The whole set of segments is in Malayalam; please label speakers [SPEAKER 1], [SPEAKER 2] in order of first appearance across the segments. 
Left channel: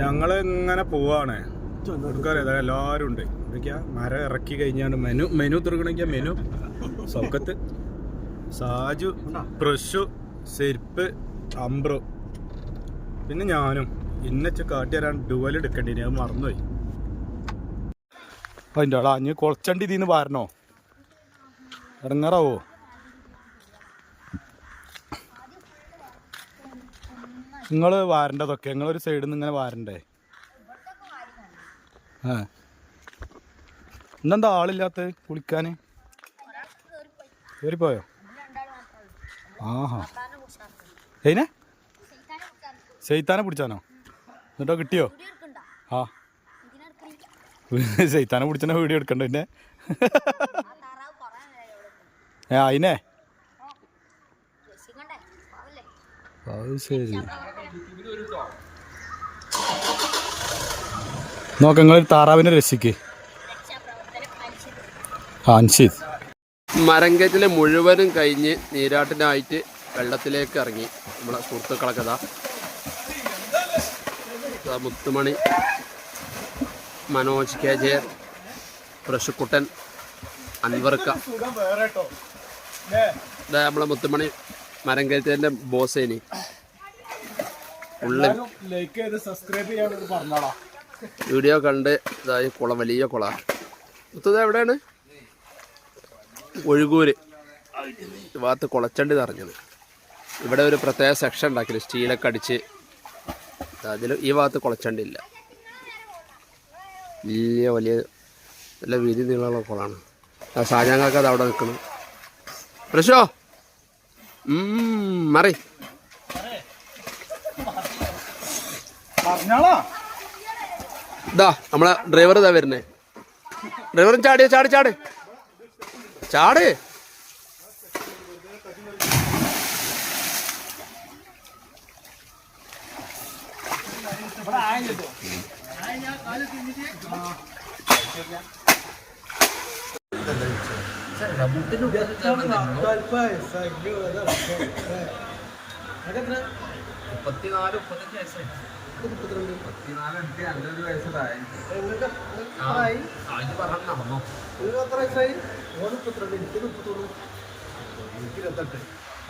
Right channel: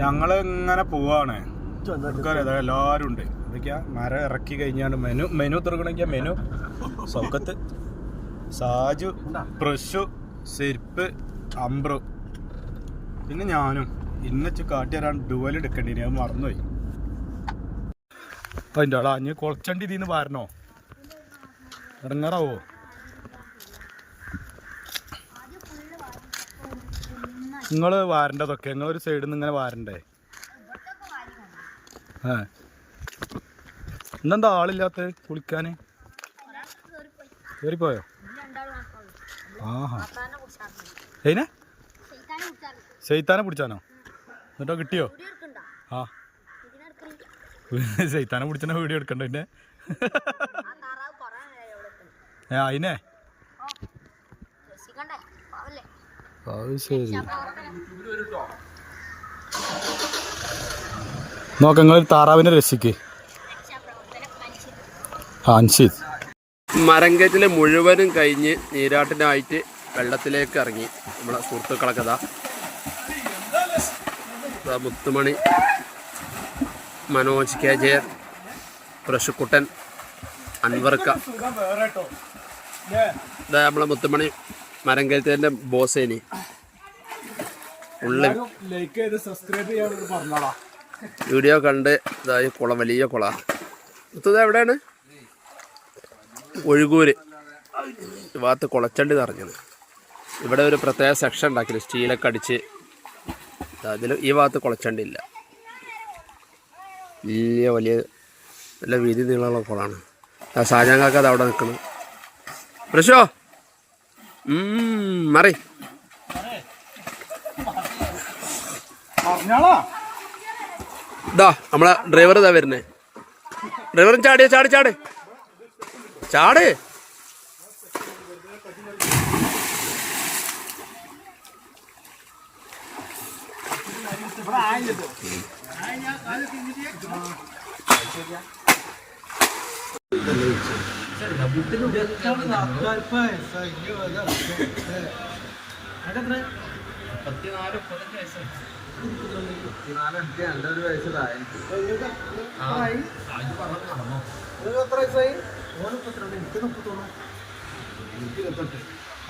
[SPEAKER 1] ഞങ്ങൾ ഇങ്ങനെ പോവാണ് നമുക്കറിയാം എല്ലാരും ഉണ്ട്. എന്തൊക്കെയാ മരം ഇറക്കി കഴിഞ്ഞാണ് മെനു മെനു തുറക്കണമെങ്കിൽ മെനു. സൗക്കത്ത്. സാജു പ്രശു സെരിപ്പ് അംബ്രു പിന്നെ ഞാനും. ഇന്നച്ച് കാട്ടി തരാൻ ഡുവൽ എടുക്കേണ്ടി അത് മറന്നുപോയി. അപ്പൊ എന്റെ ആളാ അഞ്ഞ് കൊളച്ചണ്ടി ഇതിന്ന് പാരണോ ഇടങ്ങാറാവോ നിങ്ങൾ വാരണ്ടതൊക്കെ? നിങ്ങൾ ഒരു സൈഡിൽ നിന്ന് ഇങ്ങനെ വാരണ്ടേ? ആ. ഇന്നെന്താ ആളില്ലാത്ത കുളിക്കാൻ കയറിപ്പോയോ ആഹാ. ഏനെ സെയ്ത്താനെ പിടിച്ചാനോ? എന്നിട്ടോ കിട്ടിയോ? ആ. സെയ്ത്താനെ പിടിച്ചാൽ വീഡിയോ എടുക്കണ്ട പിന്നെ ഏ അതിനെ അത് ശരി. നോക്ക നിങ്ങൾ താറാവിനെ രസിക്ക് അൻസിത്.
[SPEAKER 2] മരങ്കറ്റിലെ മുഴുവനും കഴിഞ്ഞ് നീരാട്ടിനായിട്ട് വെള്ളത്തിലേക്ക് ഇറങ്ങി. നമ്മളെ സുഹൃത്തുക്കളൊക്കെ ഇതാ മുത്തുമണി മനോജ് കെ ജയർ പ്രശുക്കുട്ടൻ അൻവർക്ക. ഇതാ നമ്മളെ മുത്തുമണി മരങ്കറ്റിന്റെ ബോസേനി ഉള്ളിൽ
[SPEAKER 1] ലൈക്ക് ചെയ്ത് സബ്സ്ക്രൈബ് ചെയ്യാൻ പറഞ്ഞോടാ.
[SPEAKER 2] വീഡിയോ കണ്ട് ഇതായി കുളം വലിയ കുള. മുത്തത് എവിടെയാണ്? ഒഴുകൂര്. ഭാഗത്ത് കുളച്ചണ്ടി നിറഞ്ഞത്. ഇവിടെ ഒരു പ്രത്യേക സെക്ഷൻ ഉണ്ടാക്കി സ്റ്റീലൊക്കെ അടിച്ച് അതിൽ ഈ ഭാഗത്ത് കുളച്ചണ്ടി ഇല്ല. വലിയ വലിയ നല്ല വീതി നീളമുള്ള കുളമാണ് ആ സാജാങ്കാക്ക അത് അവിടെ നിൽക്കണം. പ്രശോ! മറി. ഇതാ നമ്മളെ ഡ്രൈവർ ഇതാ വരുന്നേ. ഡ്രൈവറും ചാടിയ ചാടി ചാട് ചാട്.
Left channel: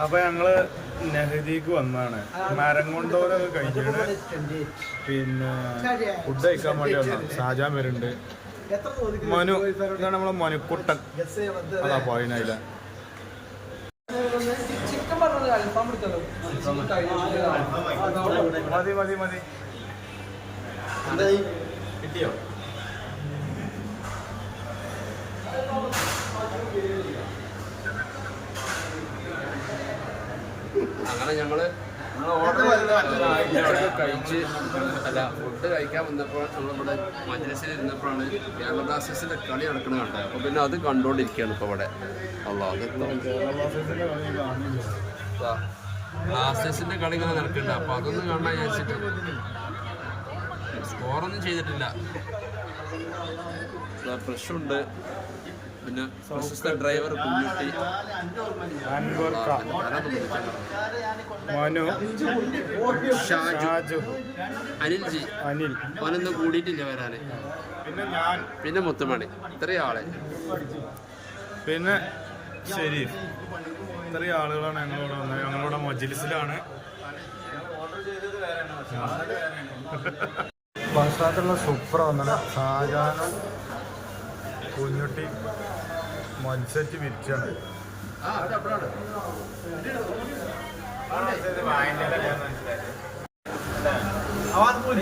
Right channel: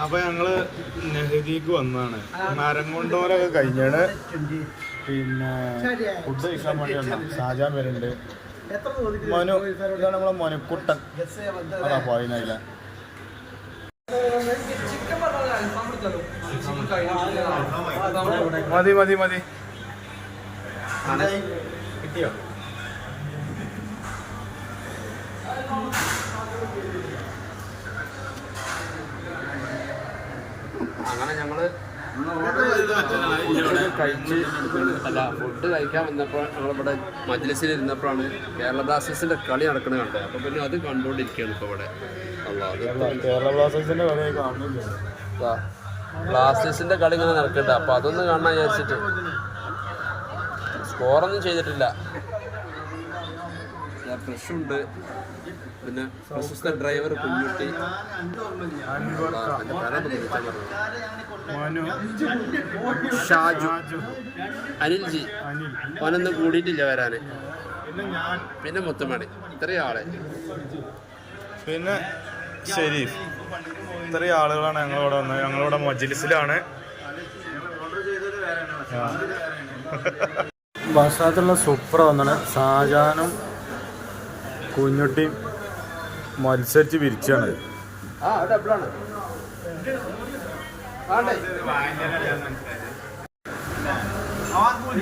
[SPEAKER 1] അപ്പൊ ഞങ്ങൾ നെഹദിക്ക് വന്നാണ്. മരം കൊണ്ടോലൊക്കെ കഴിഞ്ഞാണ് പിന്നെ ഫുഡ് കഴിക്കാൻ വേണ്ടി വന്നു. ഷാജാൻ വരുന്നുണ്ട്. മനു ഇതാണ് നമ്മളെ മനുക്കുട്ടൻ. അതാ പോയില്ല മതി മതി മതി. കിട്ടിയോ?
[SPEAKER 2] അങ്ങനെ ഞങ്ങൾ ഫുഡൊക്കെ കഴിച്ച് അല്ല ഫുഡ് കഴിക്കാൻ വന്നപ്പോൾ നമ്മളിവിടെ മജ്ലിസിൽ ഇരുന്നപ്പോഴാണ് കേരള ബ്ലാസ്റ്റേഴ്സിന്റെ കളി നടക്കുന്നത് കണ്ടത്. അപ്പൊ പിന്നെ അത് കണ്ടുകൊണ്ടിരിക്കുകയാണ് ഇപ്പൊ ഇവിടെ
[SPEAKER 1] ബ്ലാസ്റ്റേഴ്സിന്റെ കളി
[SPEAKER 2] ഇങ്ങനെ നടക്കട്ടെ അപ്പൊ അതൊന്ന് കാണാൻ വിചാരിച്ചിട്ട്. സ്കോറൊന്നും ചെയ്തിട്ടില്ല. ഫ്രഷ് ഉണ്ട്. പിന്നെ പ്രശസ്ത ഡ്രൈവർ കുഞ്ഞുട്ടി. ഷാജു.
[SPEAKER 1] അനിൽജി.
[SPEAKER 2] ഓനൊന്നും കൂടിയിട്ടില്ല വരാന്.
[SPEAKER 1] പിന്നെ ഞാൻ.
[SPEAKER 2] പിന്നെ മുത്തുമണി. ഇത്രയും ആളെ.
[SPEAKER 1] പിന്നെ ഷെരീഫ്. ഇത്രയും ആളുകളാണ് ഞങ്ങളിവിടെ വന്നത്. ഞങ്ങളിവിടെ മജ്ലിസിലാണ്. ഭക്ഷണത്തിന് സൂപ്പർ വന്നാണ് ഷാജാനും കുഞ്ഞുട്ടിയും മത്സരിച്ച് പിരിച്ചാണ്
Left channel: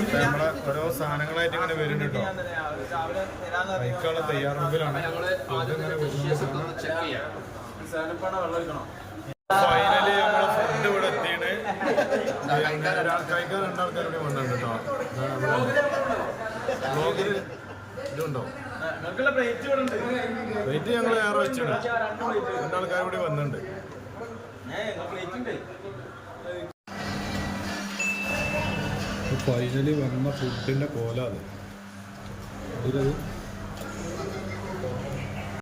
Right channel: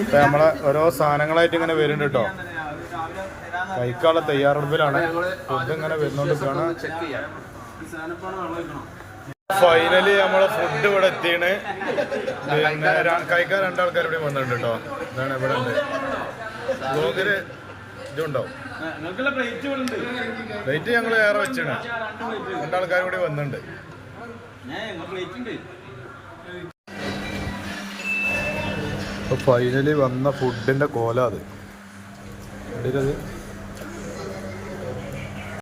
[SPEAKER 1] ഇപ്പൊ നമ്മളെ ഓരോ സാധനങ്ങളായിട്ട് ഇങ്ങനെ വരുന്നുണ്ട് കേട്ടോ. കഴിക്കാനുള്ള തയ്യാറെടുപ്പിലാണ്. ഫുഡ് ഇങ്ങനെ വരുന്നുണ്ട് ഫൈനലി നമ്മളെ ഫുഡ് ഇവിടെ എത്തിയാണ്. കഴിക്കാൻ രണ്ടാൾക്കാർ ഇവിടെ വന്നിട്ടുണ്ട് കേട്ടോ. ഇതാണ് ഇവിടെ ഉണ്ട്. ബ്ലോഗിൽ പ്ലേറ്റ് വെയിറ്റ് ഞങ്ങൾ ഏറെ വെച്ചാണ്. രണ്ടാൾക്കാർ കൂടി വന്നിട്ടുണ്ട്. ഫൈനലി വന്ന ഫുഡിന്റെ കോല അത്. അത്?